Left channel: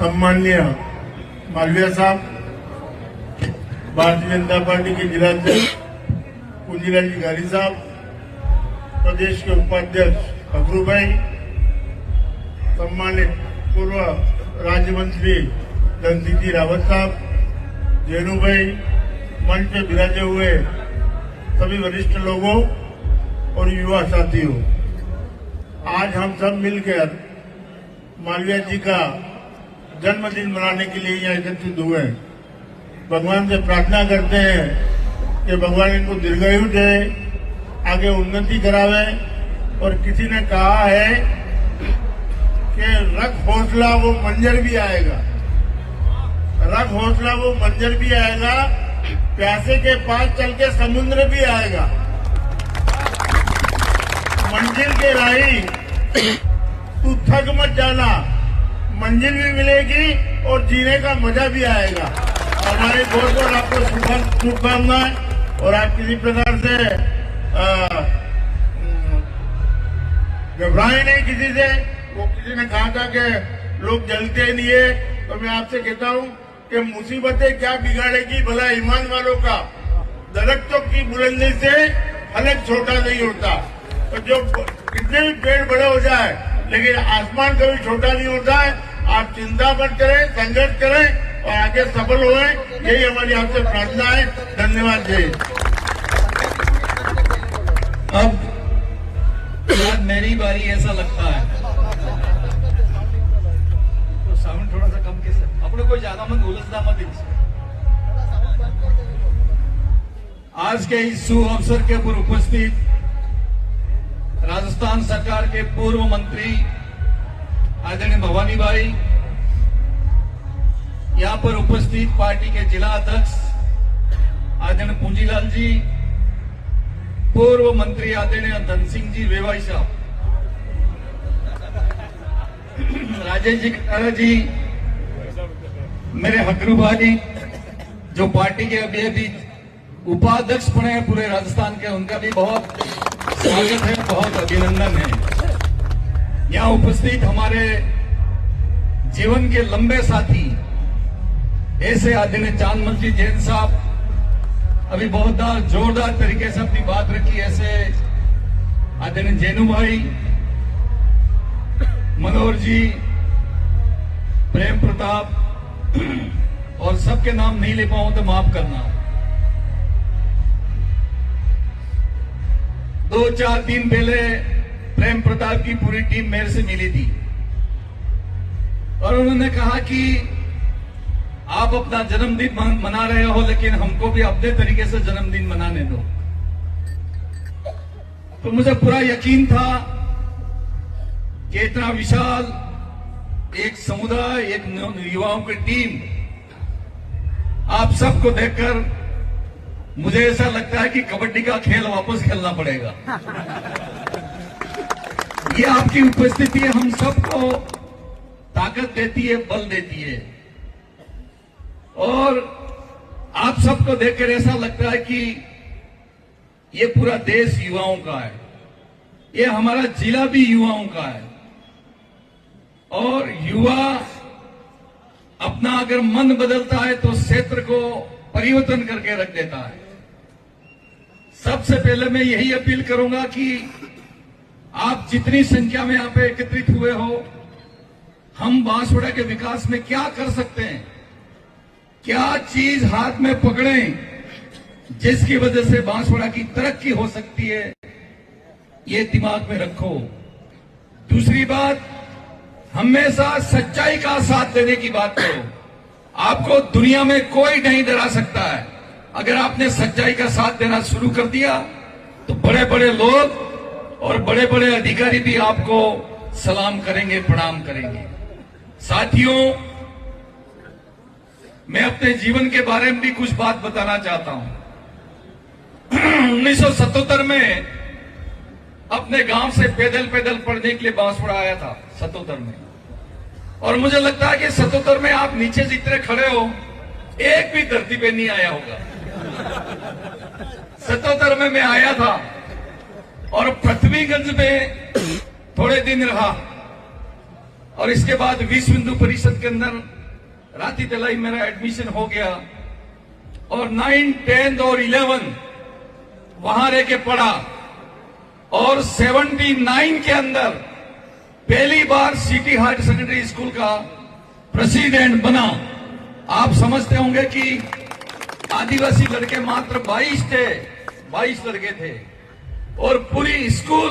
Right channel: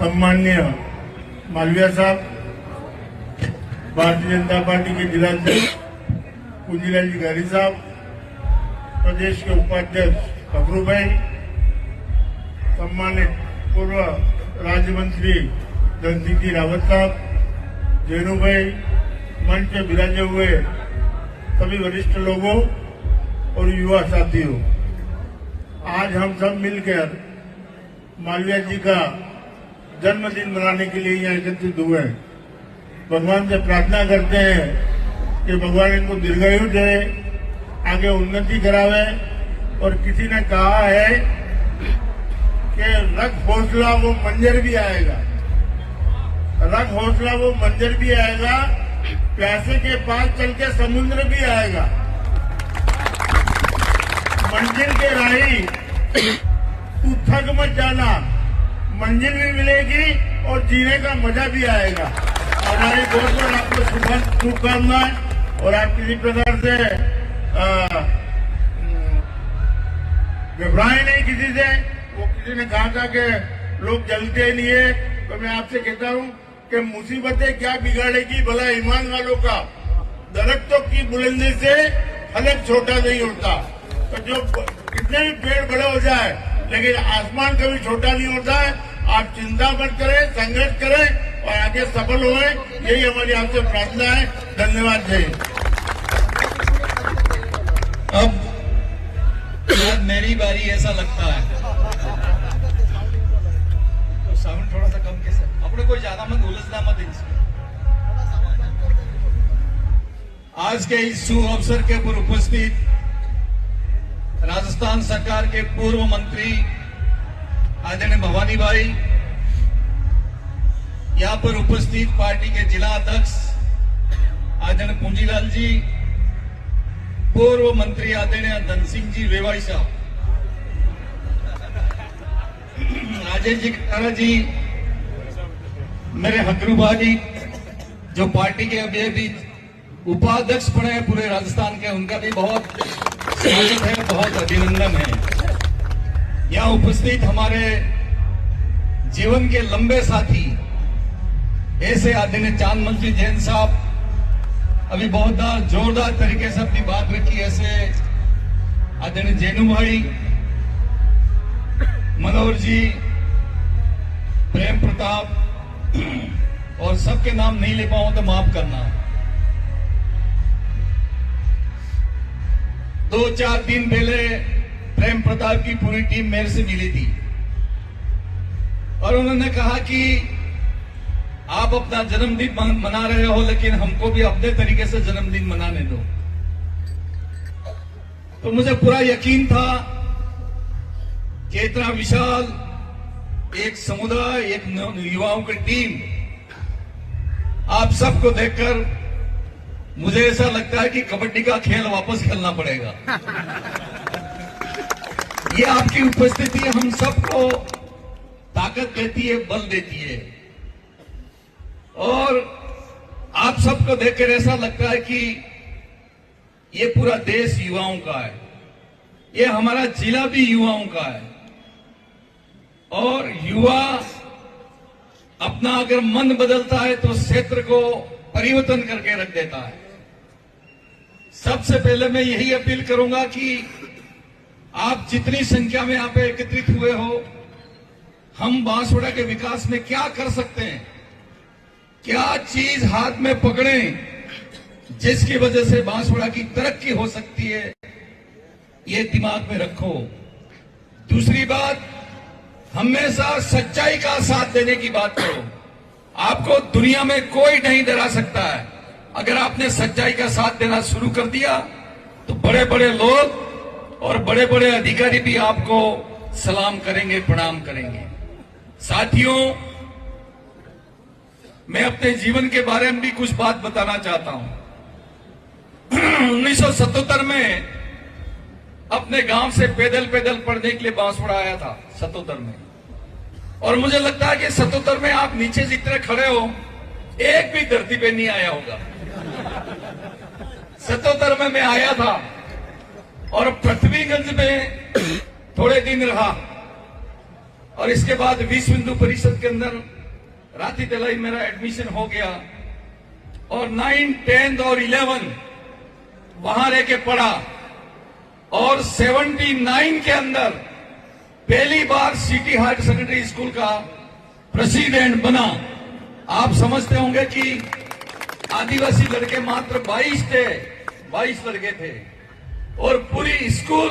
सम्मान्य मालविया साहब, भारतीय जनता पार्टी के जिलाध्यक्ष पूंजीलाल जी गारी साहब, प्रदेश के उपाध्यक्ष अफरू भाई, सम्मानित पूर्व राज्य मंत्री रणजीत जी रावत साहब, जेनू भाई, मंच पे विराजे हुए सभी वरिष्ठ लोगों और युवा साथियों, आज हम सब मिलकर मालविया जी का जन्मदिन मनाने के लिए यहाँ एकत्रित हुए हैं। भगवान से प्रार्थना करते हैं कि भगवान इनको दीर्घायु दे, आगे उन्नति करावे। और किसी ने कहा है कि रख हौसला वो मंजर भी आएगा, रख हौसला वो मंजर भी आएगा, प्यासे के पास चल के समुद्र भी आएगा। मंजिल के राही तू थक मत जाना, मंजिल भी मिलेगी और जीने का मजा भी आएगा। हमारी बहुत बहुत आपको शुभकामनाएं। और आप किसी प्रकार से घबराए नहीं किसी से। वो किसी ने कहा था कि लोग जलते नहीं है, तो मैं आपसे कहता हूं कि मुसीबतें क्या बिगाड़ेगी भला ईमान वालों का। दरख्तों की बुलंदी से फलक छोटा नहीं होता, तो जो कितने भी पेड़ बड़े हो जाए लेकिन आसमान कभी छोटा नहीं होता है। आप चिंता मत करें, संघर्ष करें और आगे सफल होए, यही हमारी आपसे प्रार्थना है। धन्यवाद। जय। अब मेरी बारी, ऐसा लगता है तो साउंड थोड़ा सा कम के सर, अपने कोई ज्यादा मत उलझना मत इसमें। आज के इस शुभ अवसर के ऊपर उपस्थित राजस्थान सरकार के पूर्व मंत्री आदरणीय भवानी भाई, यहां पर उपस्थित पार्टी के जिला अध्यक्ष आदरणीय पूंजीलाल जी, पूर्व मंत्री आदरणीय धन सिंह जी वेवाई साहब, राजेश जी खटारा जी, मेरे हकरू भाई जो पार्टी के अभी उपाध्यक्ष बने हैं पूरे राजस्थान के, उनका भी बहुत स्वागत है, बहुत अभिनंदन है। यहाँ उपस्थित हमारे जीवन के लंबे साथी ऐसे आदरणीय चांदमल जी जैन साहब, अभी बहुत जोरदार तरीके से अपनी बात रखी, ऐसे आदरणीय जैनू भाई, मनोहर जी, प्रेम प्रताप, और सबके नाम नहीं ले पाऊं तो माफ करना। 2-4 दिन पहले प्रेम प्रताप की पूरी टीम मेरे से मिली थी और उन्होंने कहा कि आप अपना जन्मदिन मना रहे हो, लेकिन हमको भी अपने तरीके से जन्मदिन मनाने दो। तो मुझे पूरा यकीन था कि इतना विशाल एक समुदाय, एक युवाओं की टीम, आप सबको देखकर मुझे ऐसा लगता है कि कबड्डी का खेल वापस खेलना पड़ेगा। ये आपकी उपस्थिति हम सबको ताकत देती है, बल देती है, और आप सबको देखकर ऐसा लगता है कि ये पूरा देश युवाओं का है, ये हमारा जिला भी युवाओं का है। और युवा अपना अगर मन बदलता है तो क्षेत्र को परिवर्तन करके रख देता है। सबसे पहले मैं यही अपील करूंगा कि आप जितनी संख्या में यहाँ पे एकत्रित हुए हो, हम बांसवाड़ा के विकास में क्या कर सकते हैं, क्या चीज हाथ में पकड़ें जिसकी वजह से बांसवाड़ा की तरक्की हो सकती है, ये दिमाग में रखो। दूसरी बात, हमेशा सच्चाई का साथ देने की बात करो। आपको दुनिया में कोई नहीं डरा सकता है। अगर आपने सच्चाई का साथ देना शुरू कर दिया तो बड़े बड़े लोग और बड़े बड़े अधिकारी भी आपको सलाम करेंगे, प्रणाम करेंगे। साथियों, मैं अपने जीवन के बारे में भी कुछ बात बताना चाहता हूं। 1977 में अपने गांव से पैदल पढ़ने के लिए बांसवाड़ा आया था 77 में, और मुझे लगता है कि 77 में आप नीचे जितने खड़े हो, एक भी धरती पे नहीं आया होगा। 77 में मैं आया था और पृथ्वीगंज में थोड़े दिन रहा और इसके बाद विश्व हिंदू परिषद के अंदर राती तलाई मेरा एडमिशन हो गया और 9, 10 और 11 वहां रह के पढ़ा और 79 के अंदर पहली बार सिटी हायर सेकेंडरी स्कूल का प्रेसिडेंट बना। आप समझते होंगे कि आदिवासी लड़के मात्र 22 लड़के थे और पूरी स्कूल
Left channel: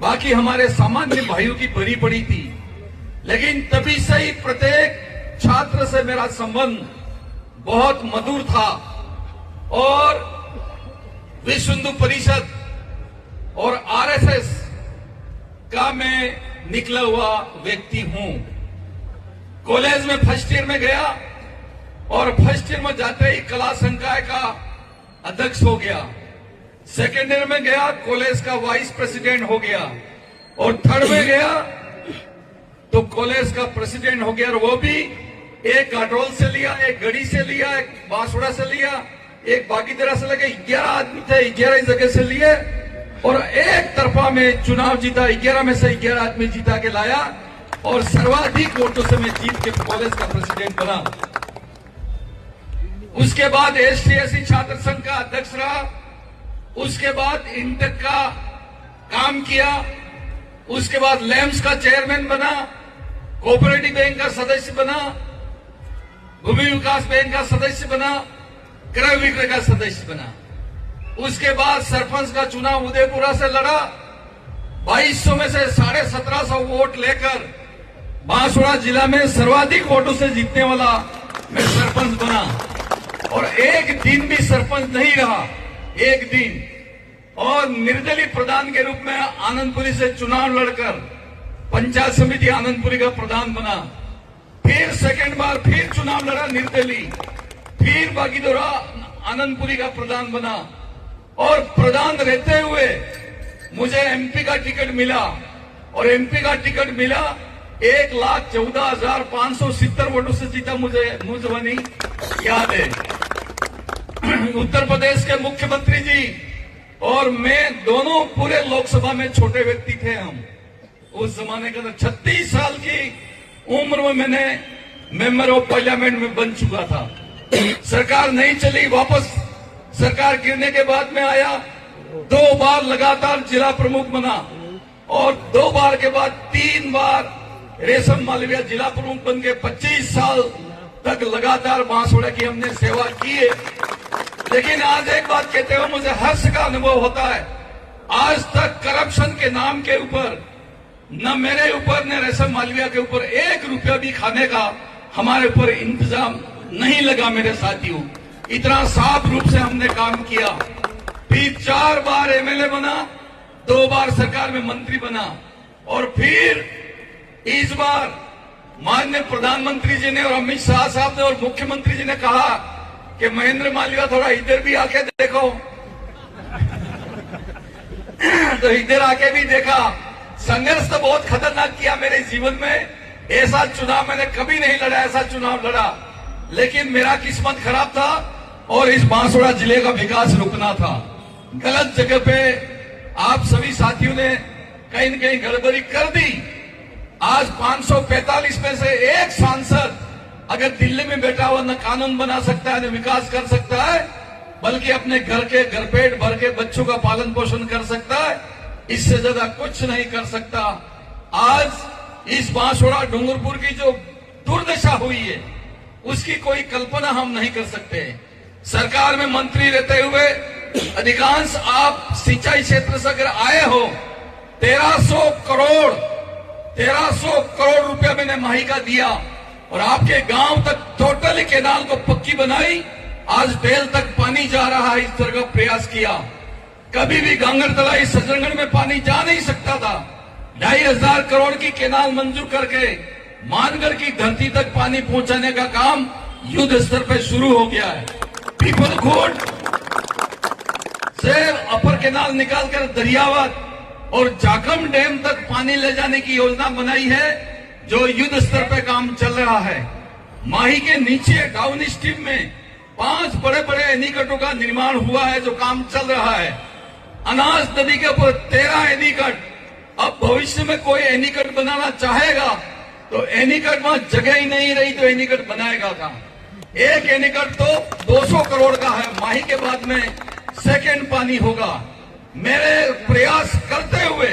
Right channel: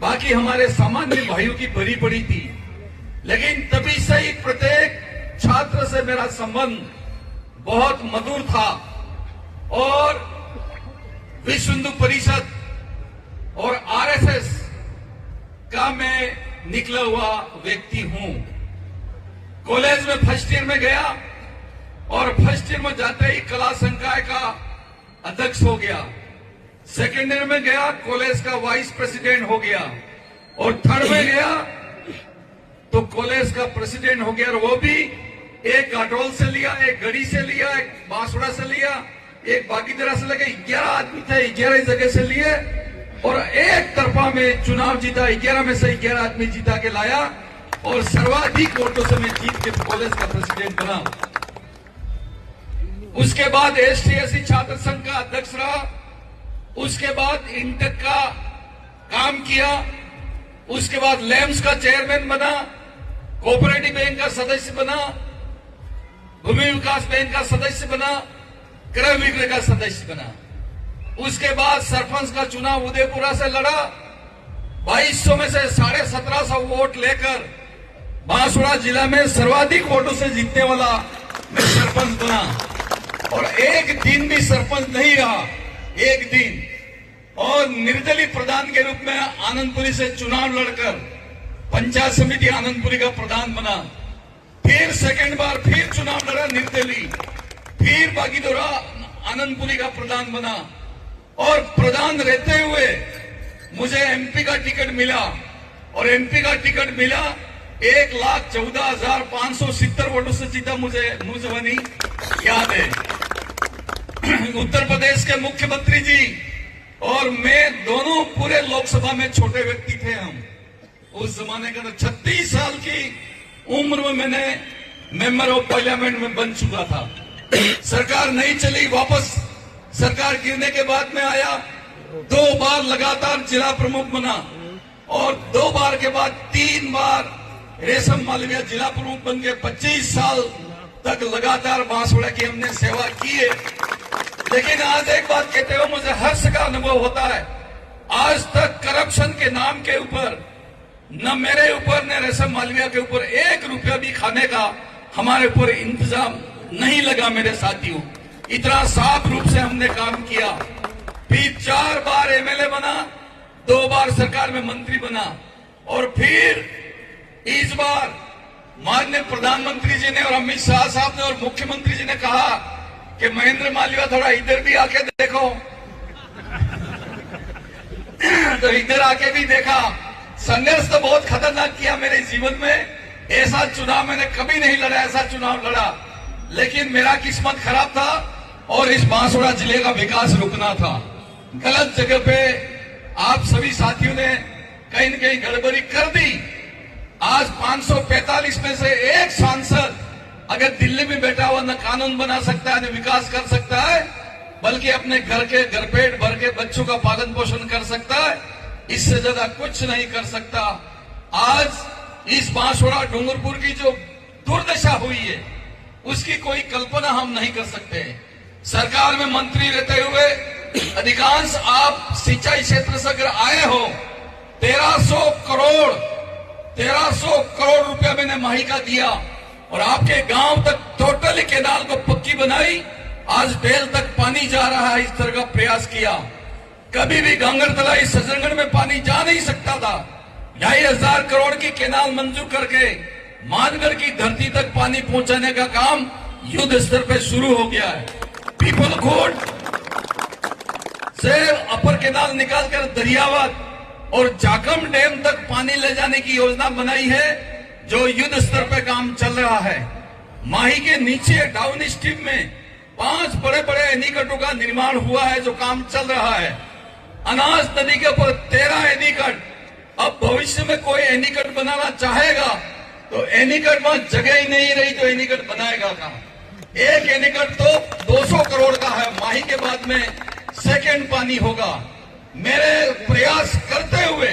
बाकी हमारे सामान्य भाइयों की भरी पड़ी थी। लेकिन तभी से ही प्रत्येक छात्र से मेरा संबंध बहुत मधुर था और विश्व हिंदू परिषद और आरएसएस का मैं निकला हुआ व्यक्ति हूं। कॉलेज में फर्स्ट ईयर में गया और फर्स्ट ईयर में जाते ही कला संकाय का अध्यक्ष हो गया। सेकेंड ईयर में गया, कॉलेज का वाइस प्रेसिडेंट हो गया और थर्ड में गया तो कॉलेज का प्रेसिडेंट हो गया। और वो भी एक काटोल से लिया, एक गढ़ी से लिया, एक बांसवाड़ा से लिया, एक बागीदरा से लगे 11 आदमी थे, 11 जगह से लिए और एक तरफा में चुनाव जीता। 11 में से 11 आदमी जीता के लाया और सर्वाधिक वोटों से मैं जीत के कॉलेज का प्रेसिडेंट बना। उसके बाद एसटी/एससी छात्र संघ का अध्यक्ष रहा। उसके बाद इंटेक का काम किया। उसके बाद लैम्स का चेयरमैन बना, कोऑपरेटिव बैंक का सदस्य बना, भूमि विकास बैंक का सदस्य बना, क्रय विक्रय का सदस्य बना। उसके बाद सरपंच का चुनाव उदयपुरा से लड़ा। 2200 में से 1750 वोट लेकर बांसवाड़ा जिला में सर्वाधिक वोटों से जीतने वाला मैं सरपंच बना और एक दिन भी सरपंच नहीं रहा, एक दिन। और निर्दलीय प्रधान के रूप में आनंदपुरी से चुनाव लड़कर पंचायत समिति आनंदपुरी का प्रधान बना। फिर सेकंड बार फिर चुनाव लड़ा निर्दलीय, फिर बागीदोरा आनंदपुरी का प्रधान बना और प्रधान रहते हुए मुझे एमपी का टिकट मिला और एमपी का टिकट मिला 1,14,570 वोटों से जीता। मुझे जवानी याद है। उत्तर प्रदेश के मुख्यमंत्री जी और मैं दोनों पूरे लोकसभा में छोटे व्यक्ति थे। हम उस जमाने के अंदर 36 साल की उम्र में मैंने मेंबर ऑफ पार्लियामेंट में बन चुका था। सरकार नहीं चली, वापस सरकार गिरने के बाद में आया। 2 बार लगातार जिला प्रमुख बना और 2 बार के बाद 3 बार रेशम मालविया जिला प्रमुख बन के 25 साल तक लगातार बांसवाड़ा की हमने सेवा की है। लेकिन आज एक बात कहते हुए मुझे हर्ष का अनुभव होता है, आज तक करप्शन के नाम के ऊपर न मेरे ऊपर न रेशम मालविया के ऊपर 1 रुपया भी खाने का हमारे ऊपर इंतजाम नहीं लगा। मेरे साथियों, इतना साफ रूप से हमने काम किया। फिर 4 बार एमएलए बना, 2 बार सरकार में मंत्री बना और फिर इस बार माननीय प्रधानमंत्री जी ने और अमित शाह साहब ने और मुख्यमंत्री जी ने कहा कि महेंद्र मालविया थोड़ा इधर भी आके देखो तो इधर आके भी देखा। संघर्ष तो बहुत खतरनाक किया मेरे जीवन में। ऐसा चुनाव मैंने कभी नहीं लड़ा, ऐसा चुनाव लड़ा। लेकिन मेरा किस्मत खराब था और इस बांसवाड़ा जिले का विकास रुकना था। गलत जगह पे आप सभी साथियों ने कहीं न कहीं गड़बड़ी कर दी। आज 545 में से एक सांसद अगर दिल्ली में बैठा हुआ न कानून बना सकता है न विकास कर सकता है, बल्कि अपने घर के घरपेट भर के बच्चों का पालन पोषण कर सकता है, इससे ज्यादा कुछ नहीं कर सकता। आज इस बांसवाड़ा डूंगरपुर की जो दुर्दशा हुई है उसकी कोई कल्पना हम नहीं कर सकते। सरकार में मंत्री रहते हुए अधिकांश आप सिंचाई क्षेत्र से अगर आए हो, 1300 करोड़ रुपया मैंने माही का दिया और आपके गांव तक टोटली केनाल को पक्की बनाई। आज बेल तक पानी जा रहा है, इस तरह का प्रयास किया। कभी भी गांगरतलाई सजनगढ़ में पानी जा नहीं सकता था। 2,500 करोड़ की केनाल मंजूर करके मानगढ़ की धरती तक पानी पहुंचाने का काम युद्ध स्तर पर शुरू हो गया है। पीपलखोट से अपर केनाल निकालकर दरियावत और जाखम डैम तक पानी ले जाने की योजना बनाई है, जो युद्ध स्तर पर काम चल रहा है। माही के नीचे डाउन स्ट्रीम में 5 बड़े बड़े एनीकटों का निर्माण हुआ है, जो काम चल रहा है। अनाज नदी के ऊपर 13 एनीकट। अब भविष्य में कोई एनीकट बनाना चाहेगा तो एनीकट वहां जगह ही नहीं रही तो एनीकट बनाएगा कहां? एक एनीकट तो 200 करोड़ का है, माही के बाद में सेकेंड पानी होगा। मेरे प्रयास करते हुए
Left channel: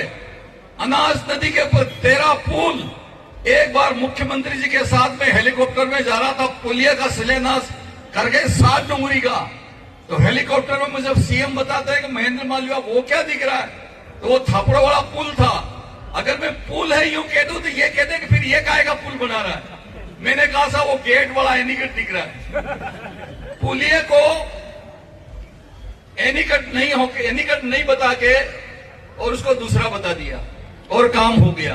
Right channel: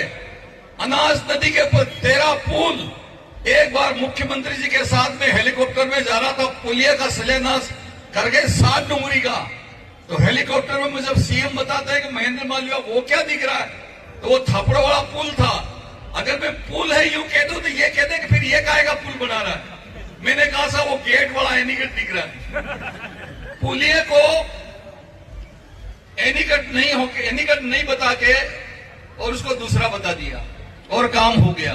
अनाज नदी के ऊपर 13 पुल, एक बार मुख्यमंत्री जी के साथ में हेलीकॉप्टर में जा रहा था, पुलिया का शिलान्यास करके 7 डुंगरी का, तो हेलीकॉप्टर में मुझे जब सीएम बताते हैं कि महेंद्र मालवीय वो क्या दिख रहा है, तो वो थापड़ों वाला पुल था। अगर मैं पुल है यूं कह दूं तो ये कहते कि फिर ये काहे का पुल बना रहा है? मैंने कहा था वो गेट वाला एनीकट दिख रहा है। पुलिया को एनीकट नहीं बता के और उसको दूसरा बता दिया और काम हो गया।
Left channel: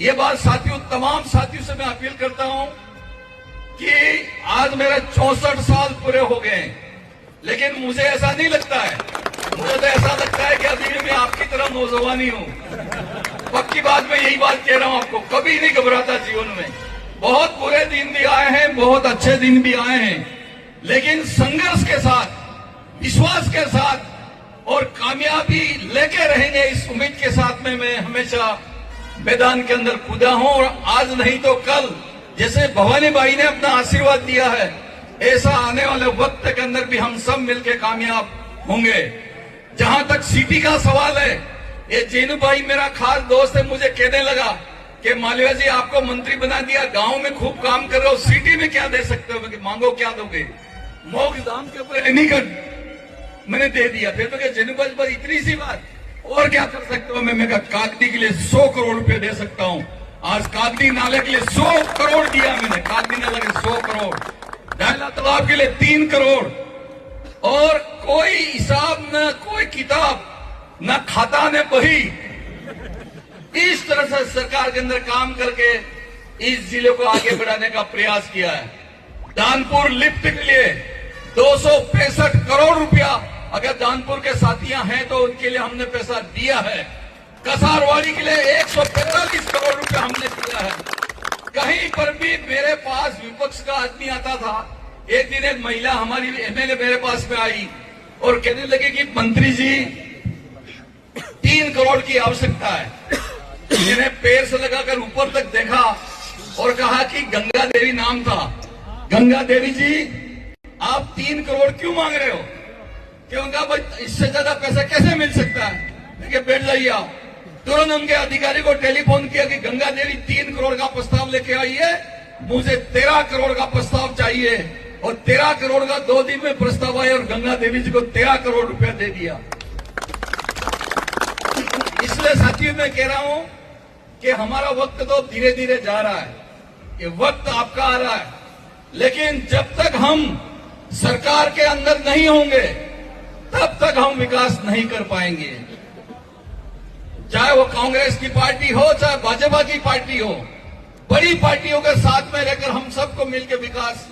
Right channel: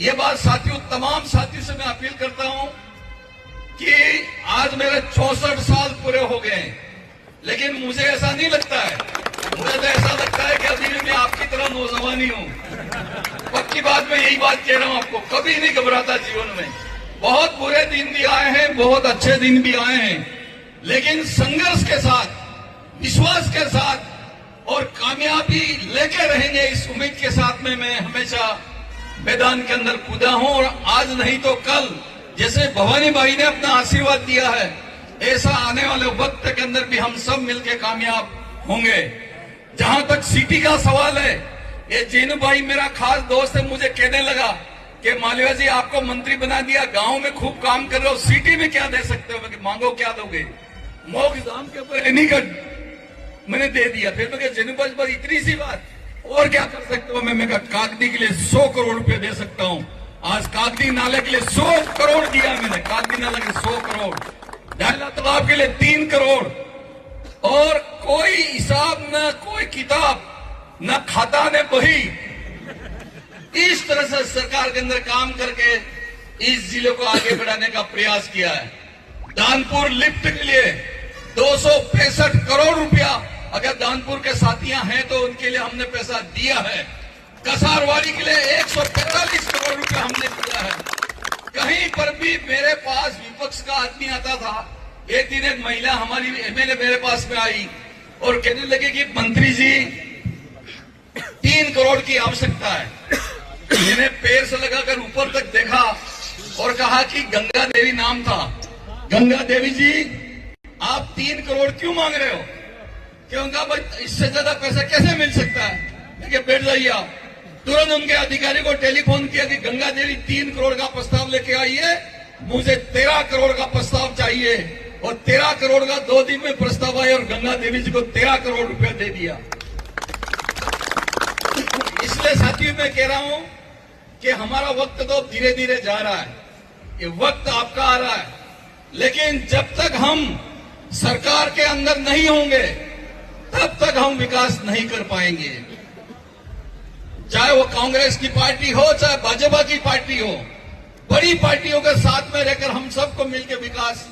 ये बात साथियों, तमाम साथियों से मैं अपील करता हूं कि आज मेरा 64 साल पूरे हो गए हैं, लेकिन मुझे ऐसा नहीं लगता है, मुझे तो ऐसा लगता है कि अभी भी मैं आपकी तरह नौजवान ही हूं। पक्की बात, मैं यही बात कह रहा हूं आपको, कभी नहीं घबराता जीवन में। बहुत बुरे दिन भी आए हैं, बहुत अच्छे दिन भी आए हैं, लेकिन संघर्ष के साथ, विश्वास के साथ और कामयाबी लेके रहेंगे, इस उम्मीद के साथ में मैं हमेशा मैदान के अंदर कूदा हूं। और आज नहीं तो कल, जैसे भवानी भाई ने अपना आशीर्वाद दिया है, ऐसा आने वाले वक्त के अंदर भी हम सब मिलकर कामयाब होंगे। जहां तक सीटी का सवाल है, ये जेनू भाई मेरा खास दोस्त है, मुझे कहने लगा कि मालवीय जी आपको मंत्री बना दिया, गांव में खूब काम कर रहे हो, सिटी में क्या दे सकते हो? मैं मांगो क्या दोगे? मोग दाम के ऊपर एनीकट मैंने दे दिया। फिर मैं जेनू भाई पर इतनी सी बात, और क्या कर सकते हो? मैं कागदी के लिए 100 करोड़ रुपए दे सकता हूं। आज कागदी नाले के लिए 100 करोड़ दिया मैंने, कागदी नाले के 100 करोड़, डायला तालाब के लिए 3 करोड़, और कोई हिसाब न कोई किताब न खाता न बही, इस तरह से सरकार के अंदर काम करके इस जिले को आगे बढ़ाने का प्रयास किया है। दानपुर लिफ्ट के लिए 265 करोड़ रुपया, अगर दानपुर के साथियां हैं तो उनके लिए हमने पैसा दिया है। कसारवाड़ी के लिए 145 करोड़ रुपया हमने दिया है। कहीं पर भी मेरे पास विपक्ष का आदमी आता था। एक दिन एक महिला हमारी एमएलए मेरे पास में आई और कहने लगी कि मंत्री जी 3 करोड़ की आवश्यकता है। मैंने पैर से लगाकर ऊपर तक देखा और कहा कि गंगा देवी नाम था, गंगा देवी जी आप 3 करोड़ क्यों मांग रहे हो? क्योंकि भाई इससे ज्यादा पैसा कैसे मिल सकता है? देखिए बैठ जाइए आप। तुरंत उनके अधिकारी को टेलीफोन किया कि गंगा देवी 3 करोड़ का प्रस्ताव लेके आई है, मुझे 13 करोड़ का प्रस्ताव चाहिए। और 13 करोड़ का 2 दिन में प्रस्ताव आया और गंगा देवी जी को 13 करोड़ रुपया दे दिया। इसलिए साथियों मैं कह रहा हूं कि हमारा वक्त तो धीरे धीरे जा रहा है, ये वक्त आपका आ रहा है, लेकिन जब तक हम सरकार के अंदर नहीं होंगे तब तक हम विकास नहीं कर पाएंगे। चाहे वो कांग्रेस की पार्टी हो, चाहे भाजपा की पार्टी हो, बड़ी पार्टियों के साथ में रहकर हम सबको मिलकर विकास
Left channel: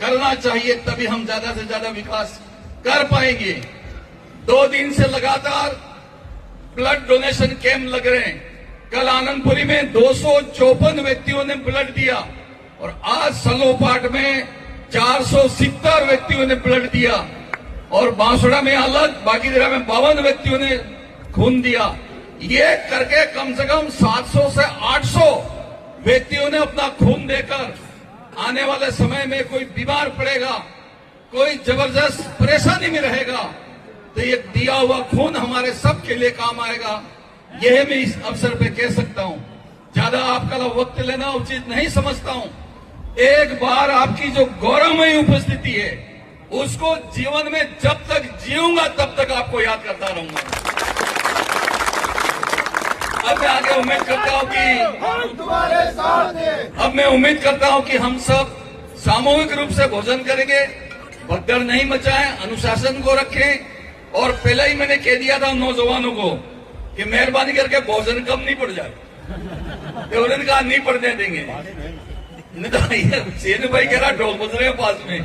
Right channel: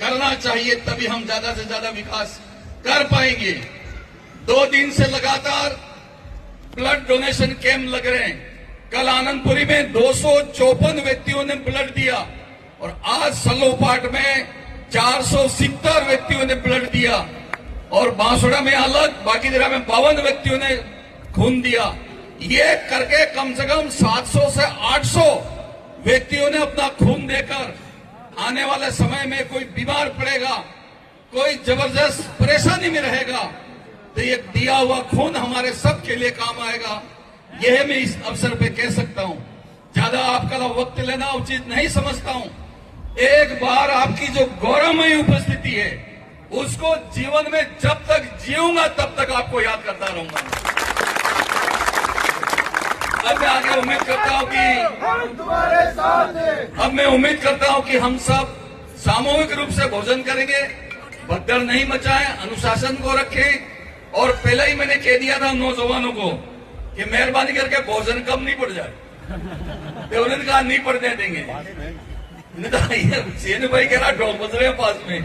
करना चाहिए, तभी हम ज्यादा से ज्यादा विकास कर पाएंगे। 2 दिन से लगातार ब्लड डोनेशन कैंप लग रहे हैं। कल आनंदपुरी में 254 व्यक्तियों ने ब्लड दिया और आज सलोपाट में 470 व्यक्तियों ने ब्लड दिया और बांसुड़ा में अलग, बाकी जगह में 52 व्यक्तियों ने खून दिया। ये करके कम से कम 700 से 800 व्यक्तियों ने अपना खून देकर आने वाले समय में कोई बीमार पड़ेगा, कोई जबरदस्त परेशानी में रहेगा, तो ये दिया हुआ खून हमारे सबके लिए काम आएगा। यह मैं इस अवसर पे कह सकता हूं। ज्यादा आपका वक्त लेना उचित नहीं समझता हूं। एक बार आपकी जो गौरवमयी उपस्थिति है उसको जीवन में जब तक जीऊंगा तब तक आपको याद करता रहूंगा। अब मैं आगे उम्मीद करता हूं कि हम सब सामूहिक रूप से भोजन करेंगे, भगदड़ नहीं मचाएं, अनुशासन को रखें। और पहले ही मैंने कह दिया था नौजवानों को कि मेहरबानी करके भोजन कम नहीं पड़ जाए, तो उन्होंने कहा नहीं पड़ने देंगे। नहीं तो सेन भाई कह रहा ढोल बज रहे हैं पास में,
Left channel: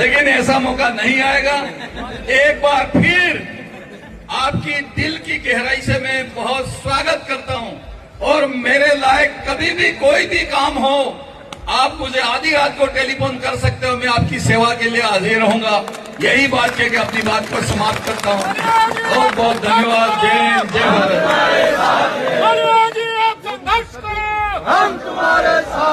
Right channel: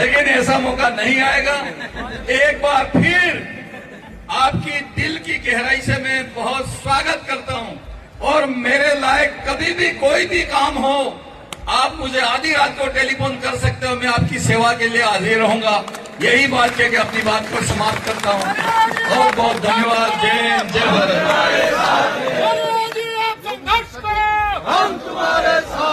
लेकिन ऐसा मौका नहीं आएगा। एक बार फिर आपकी दिल की गहराई से मैं बहुत स्वागत करता हूं और मेरे लायक कभी भी कोई भी काम हो आप मुझे आधी रात को टेलीफोन कर सकते हो, मैं आपकी सेवा के लिए हाजिर रहूंगा। यही बात कह के अपनी बात को समाप्त करता हूं। बहुत बहुत धन्यवाद। जय हिंद, जय भारत। हम तुम्हारे साथ